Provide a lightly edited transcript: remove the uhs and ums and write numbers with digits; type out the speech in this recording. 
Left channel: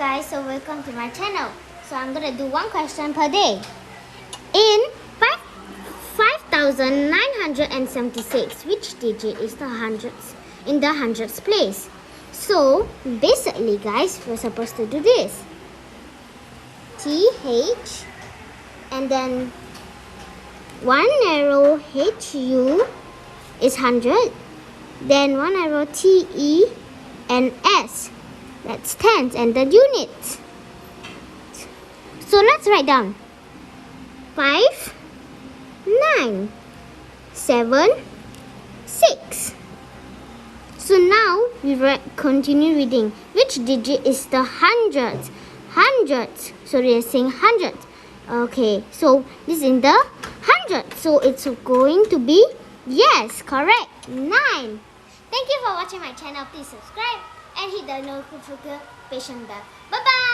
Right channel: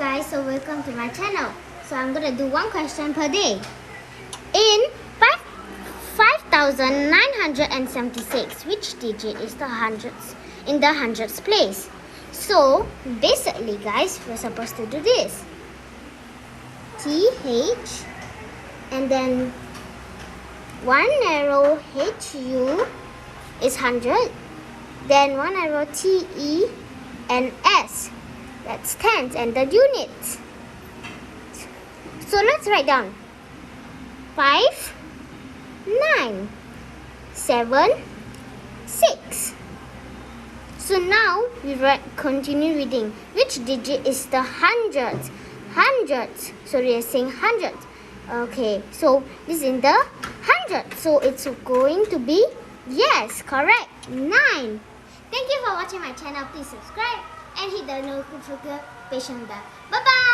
guys, so welcome to my channel. So I'm gonna do one question per day. In 5,976, which digit is the hundreds in the hundreds place? So basically guys, we're supposed to do this. TH and then one arrow HU is 100, then one arrow TE and S, that's tens and the units. So let's write down 5, 9, 7, 6. So now we continue reading. Which digit is the hundreds? Hundreds. So we are saying hundreds. Okay, so this is in the hundreds. So it's going to be, yes, correct, 9. Thank you for watching my channel. Please subscribe and hit the notification bell. Bye-bye.